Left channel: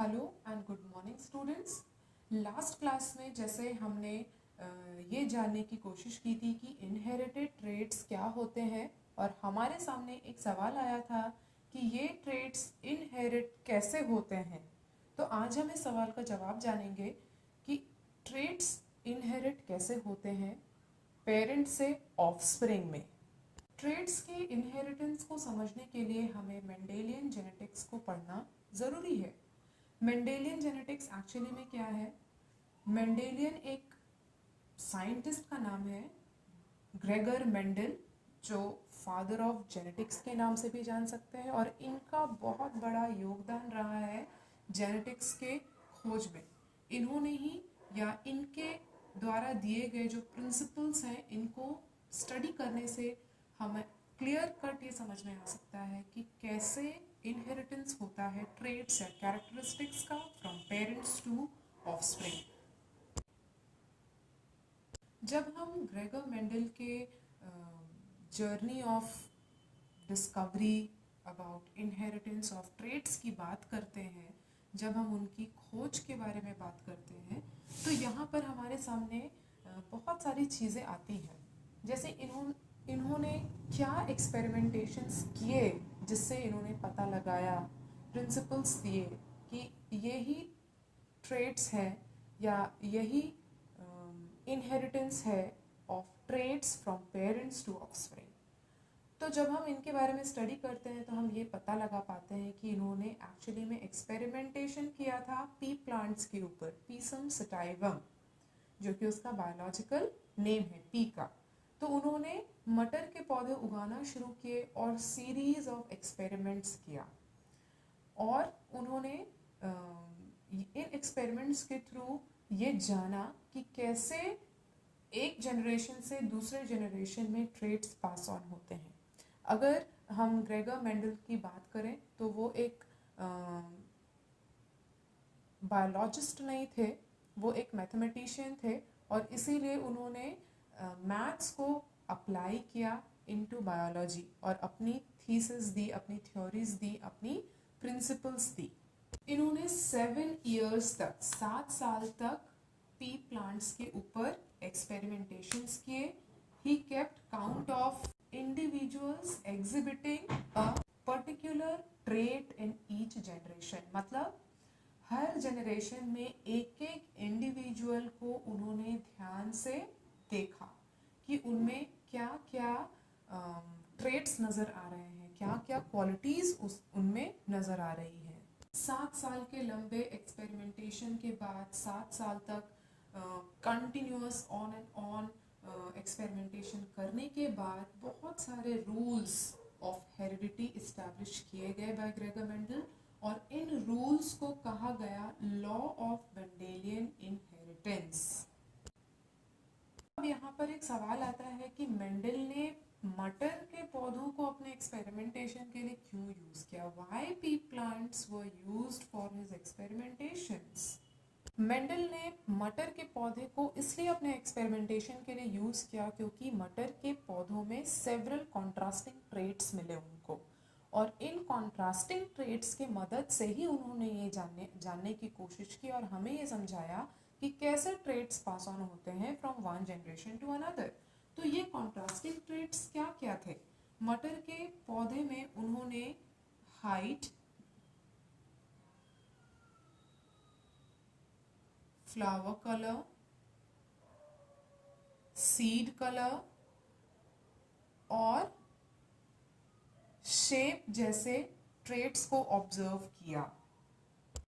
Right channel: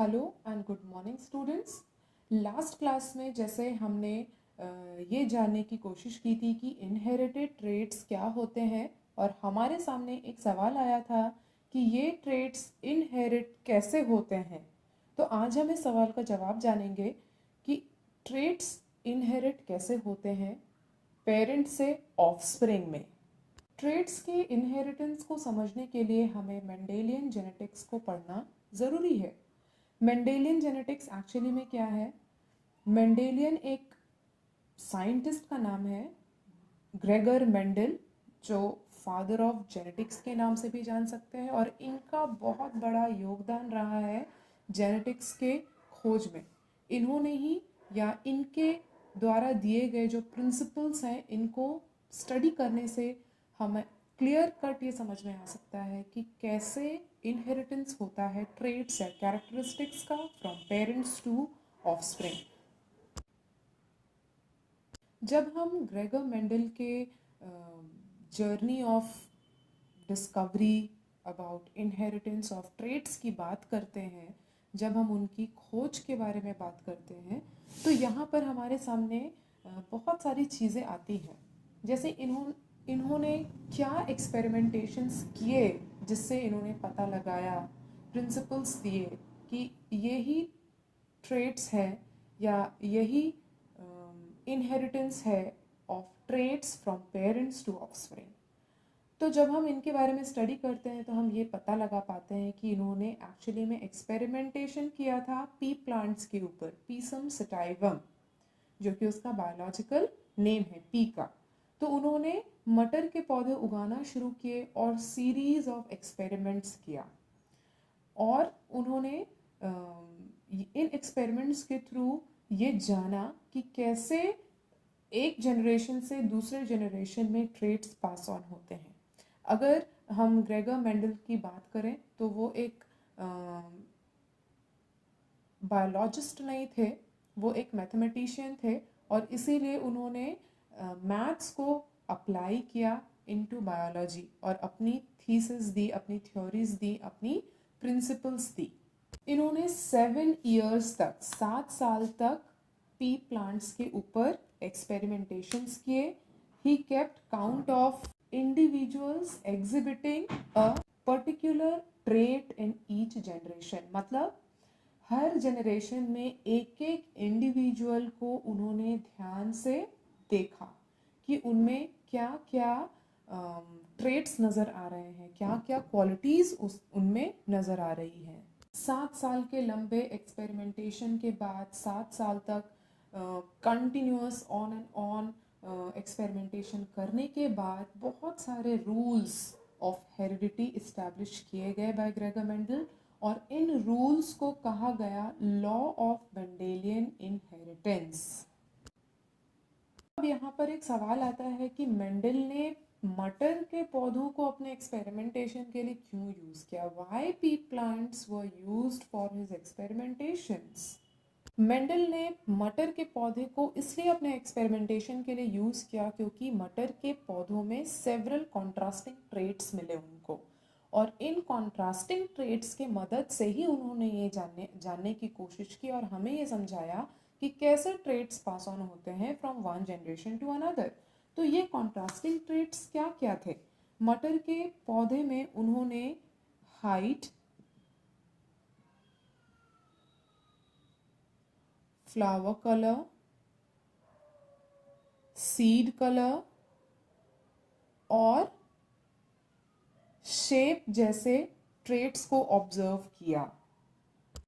Hello and good morning students. Last class में जैसे हमने ये जानने की कोशिश की थी कि इनहेरिटेड ट्रेट्स क्या होते हैं और हमारे सामने एक सवाल आया था कि ये ट्रेट्स इनहेरिट कैसे होते हैं। तो आज हम इस सवाल का जवाब जानेंगे कि ट्रेट्स इनहेरिट कैसे होते हैं पेरेंट से ऑफस्प्रिंग में। ट्रेट्स की इनहेरिटेंस को समझने के लिए हमें मेंडेलियन जेनेटिक्स को पढ़ना ज़रूरी है। मेंडेलियन जेनेटिक्स एक्चुअली में क्या है? मेंडेलियन एक साइंटिस्ट का नाम है, ग्रेगर मेंडल, जो फादर ऑफ जेनेटिक्स के नाम से भी जान सकते हैं, और इनका बहुत बड़ा योगदान रहा है जेनेटिक्स के खोज में। इन्होंने ही या इनके द्वारा दिए गए जो प्रिंसिपल्स हैं, इनको स्टडी करने से हमें क्लियर कट ये समझ में आ सकता है कि कैसे इनहेरिटेंस होता है ट्रेट्स या कैरेक्टरिस्टिक्स का फ्रॉम पेरेंट्स टू ऑफस्प्रिंग। जब हम ग्रेगर मेंडल के journey of discovery about inheritance of traits की बात करते हैं, जब हम उनकी खोज के बारे में बात करते हैं, तो यहाँ पर हमारे सामने बहुत सारी चीज़ें आती हैं। जैसे इन्होंने क्या एक्सपेरिमेंटेशंस किए जिससे इन्होंने पता लगाया, प्रिंसिपल्स दिए कि यही ट्रेट्स हैं या यही इनहेरिटेंस है of traits from parents to offspring. तो जब हम इनके बारे में स्टडी करते हैं तो हम ये पता लगा पाते हैं कि इन्होंने एक्चुअली में एक्सपेरिमेंटेशन किया था पी प्लांट्स के ऊपर, पीसम सटाइवम, जो कि उसका बायोलॉजिकल नेम है पी का। तो उन्होंने मटर के पौधे उगाना शुरू किए और सीरीज ऑफ एक्सपेरिमेंट्स किया, और उन्होंने इन एक्सपेरिमेंट्स के थ्रू ये जाना कि कैसे एक जनरेशन से दूसरे जनरेशन में ट्रेट्स पास ऑन होते हैं। अगर हम ग्रेगर मेंडल की बात करें तो वो एक बायोलॉजिस्ट नहीं थे, वो एक मैथमेटिशियन थे, और इसीलिए उन्होंने मैथ्स को अप्लाई किया इनटू बायोलॉजी और अपनी थीसिस दी, अपनी थ्योरीज दी, अपनी प्रिंसिपल्स दी। इन्होंने 7 साल तक पी प्लांट्स के ऊपर एक्सपेरिमेंटेशंस किए। He kept count of individuals exhibiting a particular trait in each generation. मतलब हर जनरेशन में एक एक इंडिविजुअल को उन्होंने ध्यान से देखा कि उनमें क्या क्या ट्रेट्स नज़र आ रहे हैं, क्या क्या क्वालिटीज़ उनमें नज़र आ रही हैं। 7 साल के लंबे एक्सपेरिमेंटेशन के बाद, 7 साल तक continuous on and on experimentation करने के बाद बहुत सारे रूल्स ऑफ हेरिडिटी इस्टेब्लिश किए गए बाय ग्रेगर मेंडल, और इन रूल्स को कहा गया लॉ ऑफ मेंडेलियन इनहेरिटेंस। अब यहाँ पर एक सवाल आता है कि मेंडल ने मटर के पौधों को अपने एक्सपेरिमेंटेशन के लिए क्यों यूज किया? Why P plants were used for his experimentations? Mendel ने मटर के पौधे को इसलिए अपने एक्सपेरिमेंटेशन के लिए यूज किया क्योंकि मटर के पौधों में सेवरल कॉन्ट्रास्टिंग ट्रेट्स मिले उनको, और इन कॉन्ट्रास्टिंग ट्रेट्स के मदद से ही उन्होंने ये जानने की कोशिश की और हमें ये समझाया कि कैसे ट्रेट्स पास ऑन होते हैं from one generation to another. तो ये कॉन्ट्रास्टिंग ट्रेट्स क्या क्या थे? मटर के पौधे में उन्होंने height, flower colour, seed colour और शेप जैसे ट्रेट्स को ऑब्जर्व किया।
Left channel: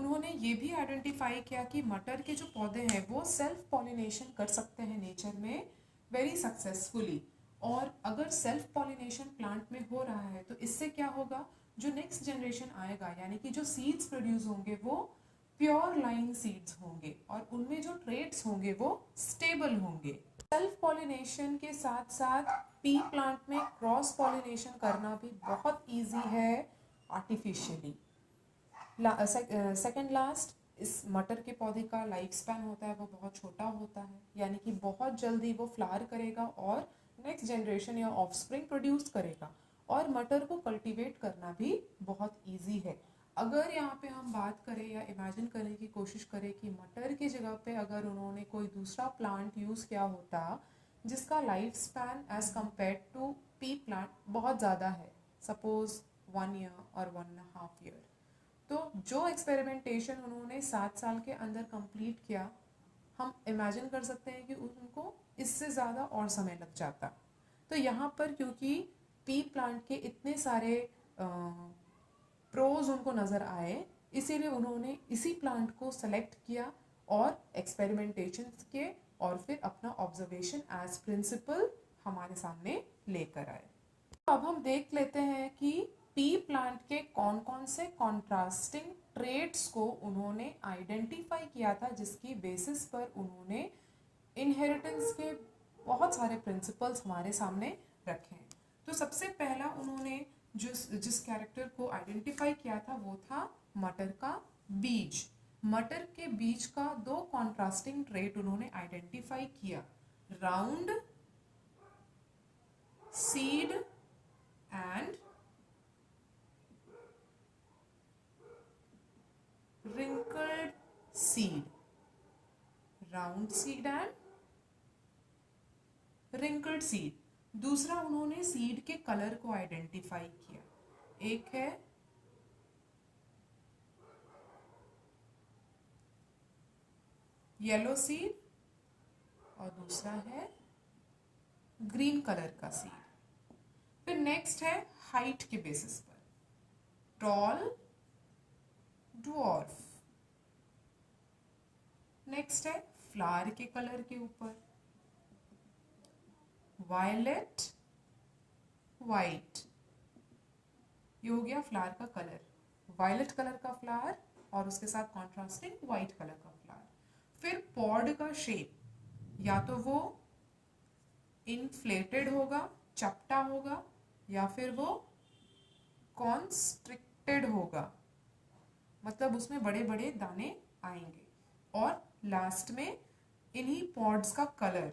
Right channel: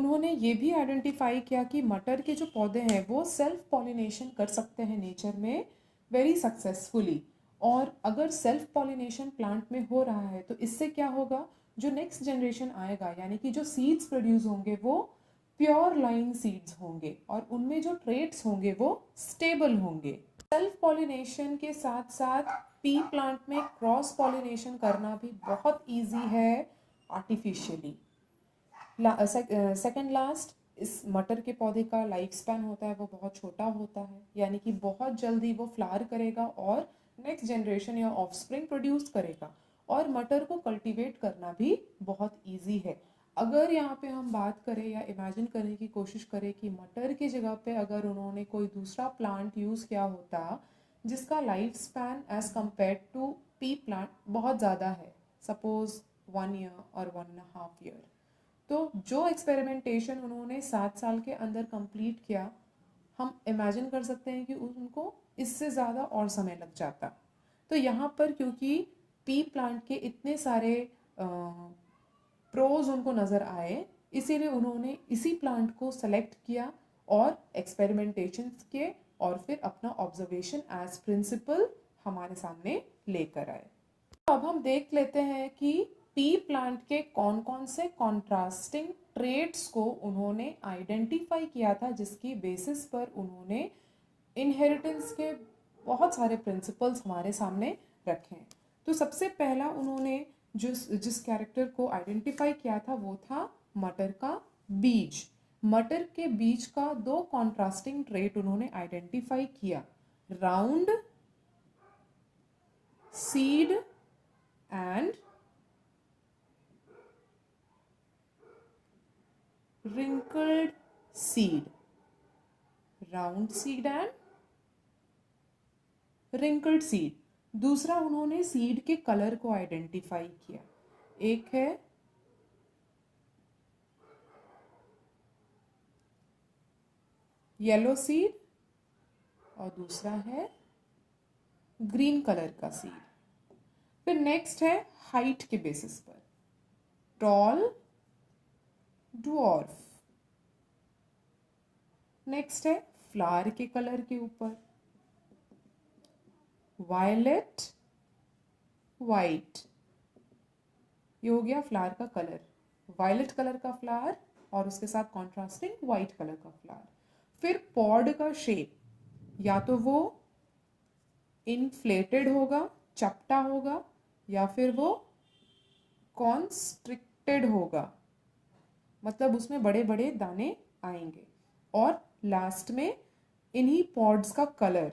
उन्होंने ये भी आइडेंटिफाई किया कि मटर के जो पौधे हैं वो सेल्फ पॉलिनेशन कर सकते हैं नेचर में वेरी सक्सेसफुली, और अगर सेल्फ पॉलिनेशन प्लांट में हो रहा है तो इससे क्या होगा, जो नेक्स्ट जनरेशन आएगा यानी कि जो सीड्स प्रोड्यूस होंगे वो प्योर लाइन सीड्स होंगे और उनमें जो ट्रेट्स होंगे वो स्टेबल होंगे। सेल्फ पॉलिनेशन के साथ साथ पी प्लांट में क्रॉस पॉलिनेशन करना भी बहुत ईजी है आर्टिफिशियली। सेकेंड लास्ट, इस मटर के पौधे का लाइफ स्पैन होता है वो बहुत छोटा होता है, यानी कि बहुत जल्दी वो फ्लावर करेगा और नेक्स्ट जनरेशन या ऑफस्प्रिंग प्रोड्यूस करेगा, और मटर को कल्टीवेट करना भी बहुत इजी है। अगर यहाँ पे हम बात करें या इमेजिन करने की कोशिश करें कि मटर की जगह पे अगर उन्होंने कोई दूसरा प्लांट यूज़ किया होता जिसका life span as compared to pea plant बहुत ज़्यादा है, सपोज 1 ईयर और 1.5 ईयर, तो जो एक्सपेरिमेंटेशन उन्होंने 7 साल के अंदर कंप्लीट किया, हम इमेजिन कर सकते हैं कि उनको इससे ज़्यादा और समय लग जाता। तो यहाँ पर क्योंकि पी प्लांट के इतने सारे प्रोज उनको नज़र आए, इसीलिए उन्होंने इसी प्लांट को सेलेक्ट किया और एक्सपेरिमेंटेशंस किए और फिर अपना ऑब्जर्वेशन एज प्रिंसिपल हमारे सामने लेकर आए। तो अब हम देख लेते हैं कि पी प्लांट के कौन कौन से कॉन्ट्रास्टिंग ट्रेट्स को उन्होंने आइडेंटिफाई किया था, जिसकी बेसिस पर उन्होंने इनहेरिटेंस के बहुत सारे प्रिंसिपल्स हमारे सामने रखे हैं। तो सबसे पहला उन्होंने जिस कैरेक्टर को आइडेंटिफाई किया था वो था मटर का बीज। मटर के बीज का 2 कॉन्ट्रास्टिंग ट्रेट उन्होंने आइडेंटिफाई किया, round seed and wrinkled seed, round seed and wrinkled seed। दूसरा उन्होंने सीड के कलर को आइडेंटिफाई किया, एक है येलो सीड और दूसरा है ग्रीन कलर का सीड। फिर नेक्स्ट है हाइट के बेसिस पर, टॉल, ड्वार्फ। नेक्स्ट है फ्लावर के कलर के ऊपर, वायलेट, वाइट। ये हो गया फ्लावर का कलर, वायलेट कलर का फ्लावर और उसके साथ कॉन्ट्रास्टिंग वाइट कलर का फ्लावर। फिर पॉड का शेप, या तो वो इन्फ्लेटेड होगा, चपटा होगा, या फिर वो कॉन्स्ट्रिक्टेड होगा, मतलब उसमें बड़े बड़े दाने आएंगे। और लास्ट में इन्हीं पॉड्स का कलर,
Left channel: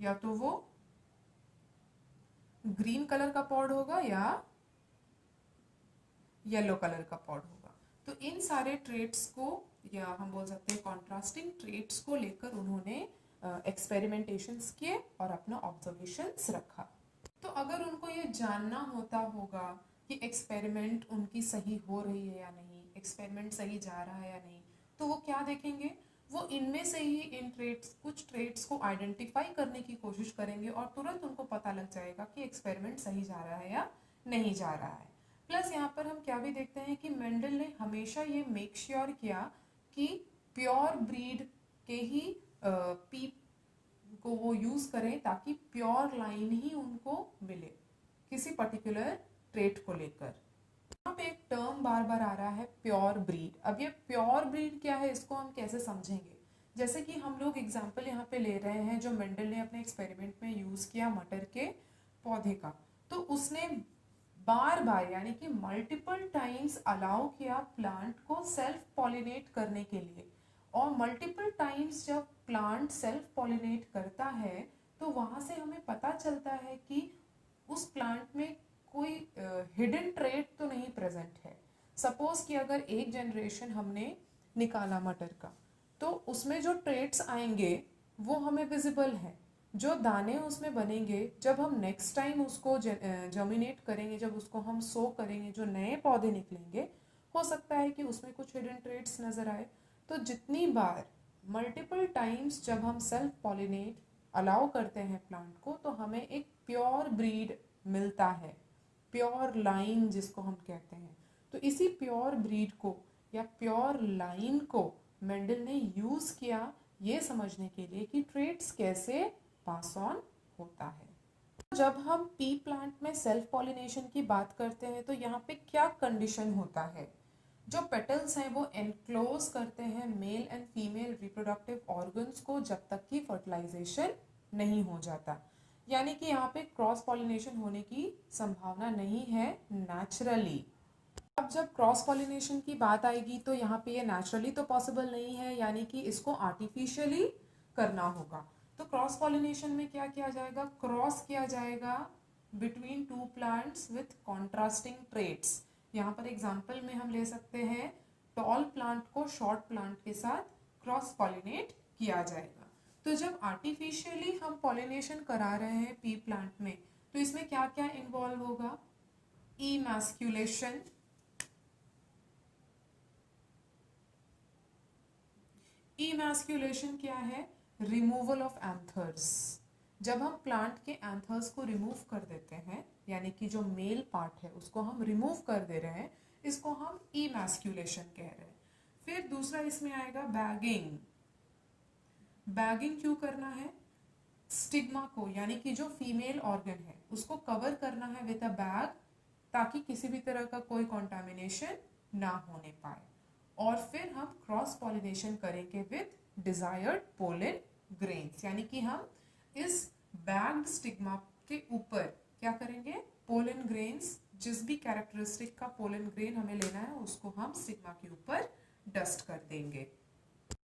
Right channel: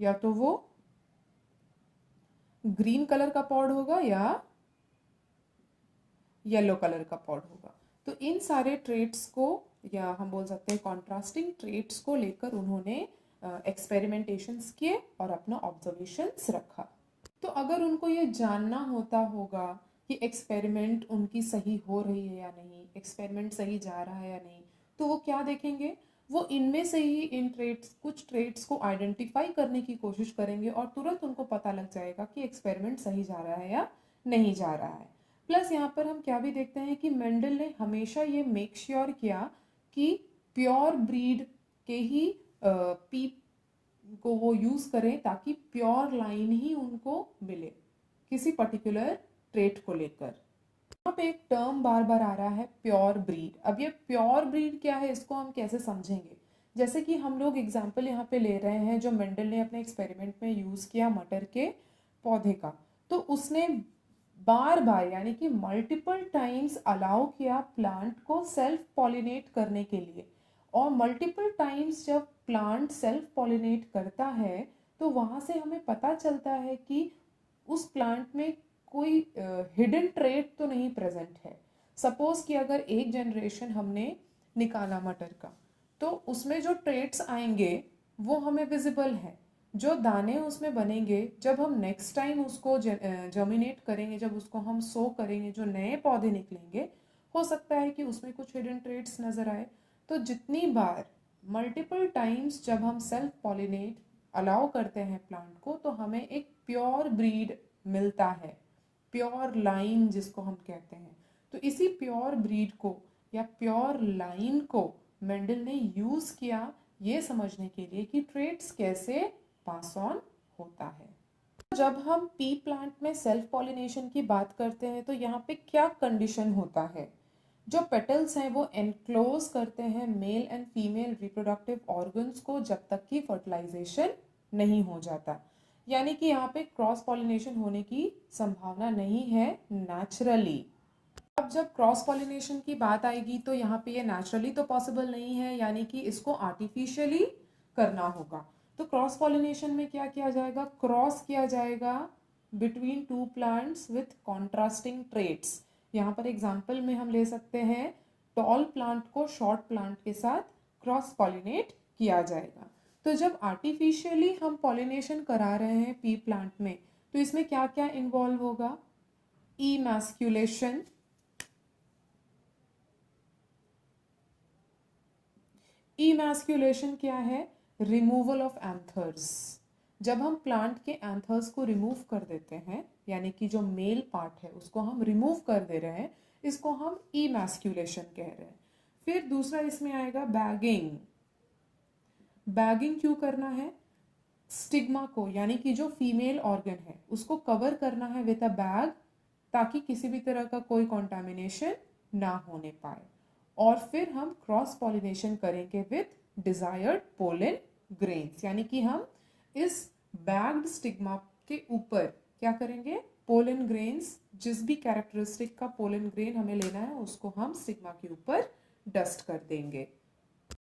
या तो वो ग्रीन कलर का पॉड होगा या येलो कलर का पॉड होगा। तो इन सारे ट्रेट्स को, या हम बोल सकते हैं कॉन्ट्रास्टिंग ट्रेट्स को लेकर उन्होंने एक्सपेरिमेंटेशंस किए और अपना ऑब्जर्वेशंस रखा। तो अगर उनको ये जानना होता होगा कि एक्सपेरिमेंट उनकी सही हो रही है या नहीं, एक्सपेरिमेंट सही जा रहा है या नहीं, तो वो क्या देखेंगे, वो इनमें से ही इन ट्रेट्स, कुछ ट्रेट्स को आइडेंटिफाई करने की कोशिश करेंगे और तुरंत उनको पता लग जाएगा कि एक्सपेरिमेंट सही जा रहा है या नहीं जा रहा है। प्लस यहाँ पर हम क्या भी देखते हैं कि मेंडल ने हमेशा ये मेक श्योर किया कि प्योर ब्रीड के ही पी को वो यूज करें, ताकि प्योर लाइन ही उनको मिले किसी पर्टिकुलर ट्रेट को लेकर। यहाँ पे एक टर्म बार बार आ रहा है, प्योर ब्रीड। अब ये प्योर ब्रीड क्या है, इसको हम कैसे समझेंगे? जैसे कि हम लोग एग्जाम्पल यहाँ पे ले रहे हैं जो मेंडल ने अपने एक्सपेरिमेंट में यूज किया मटर के पौधे का, तो उसने बार बार यानी कि मल्टीपल टाइम्स अलाउ किया प्लांट को सेल्फ पॉलिनेट करने के लिए। और मल्टीपल टाइम्स जब प्लांट सेल्फ पॉलिनेट करता है तो वहाँ से हमें पता चलता है कि उस प्लांट में कोई हिडन ट्रेट तो नहीं प्रेजेंट है। सपोज कि अगर एक जनरेशन हमने निकाला मटर का, तो उसमें जो ट्रेट्स आएंगे वो हमें विजिबल है, जो दाने उसमें बनेंगे जब हम नेक्स्ट टाइम उसको जर्मिनेट करेंगे, जब उसको हम सो करेंगे, जो नए पौधे निकलेंगे, हो सकता है कि उसमें कुछ हिडन ट्रेट्स नजर आए। तो जितनी बार मल्टीपल टाइम्स जब हम सेल्फ पॉलिनेट अलाउ करते हैं प्लांट को, तो हमें एक प्योर ब्रीड मिलता है, प्योर लाइन जिसको हम कहते हैं। तो इसी प्योर ब्रीड को या प्योर लाइन को मेंडल ने यूज किया ये समझने के लिए कि ट्रेट्स कैसे पास ऑन होता है। जब हम पी प्लांट में सेल्फ पॉलिनेशन की बात करते हैं तो यहाँ पे क्या कंडीशन होता है? जो पेटल्स हैं वो एनक्लोज करते हैं male and female reproductive organs को जब तक कि फर्टिलाइजेशन नहीं हो जाता, यानी कि यहाँ पे क्रॉस पॉलिनेशन होने की संभावना नहीं है नेचुरली। अब जब क्रॉस पॉलिनेशन की बात आएगी तो यहाँ पे ये नेचुरली तो पॉसिबल नहीं है, यानी कि इसको आर्टिफिशियली करना होगा। तो क्रॉस पॉलिनेशन में क्या किया जाएगा? क्रॉस किया जाएगा between two plants with contrasting traits, यहाँ पर एग्जाम्पल में हम ले सकते हैं टॉल प्लांट को शॉर्ट प्लांट के साथ क्रॉस पॉलिनेट किया जाएगा। तो जब आर्टिफिशियली हम पॉलिनेशन करा रहे हैं पी प्लांट में, तो इसमें क्या क्या इन्वॉल्व होगा? इमैस्कुलेशन, इमैस्कुलेशन क्या है? Removal of anthers. जब हम प्लांट के एंथर्स को रिमूव कर देते हैं, यानी कि जो मेल पार्ट है उसको हम रिमूव कर दे रहे हैं, इसको हम इमैस्कुलेशन कह रहे हैं। फिर दूसरा इसमें आएगा बैगिंग। बैगिंग क्यों करना है? स्टिग्मा को, यानी कि जो फीमेल ऑर्गन है उसको कवर करना है विद अ बैग, ताकि किसी भी तरह का कोई कॉन्टामिनेशन ना होने पाए। और फिर हम क्रॉस पॉलिनेशन करेंगे विद डिजायर्ड पोलन ग्रेन्स, यानी कि हम इस बैग्ड स्टिग्मा के ऊपर क्या करेंगे? पोलन ग्रेन्स, जिस भी कैरेक्टरिस्टिक का पोलन ग्रेन हमें लेना है उसको हम स्टिग्मा के ऊपर डस्ट कर देंगे।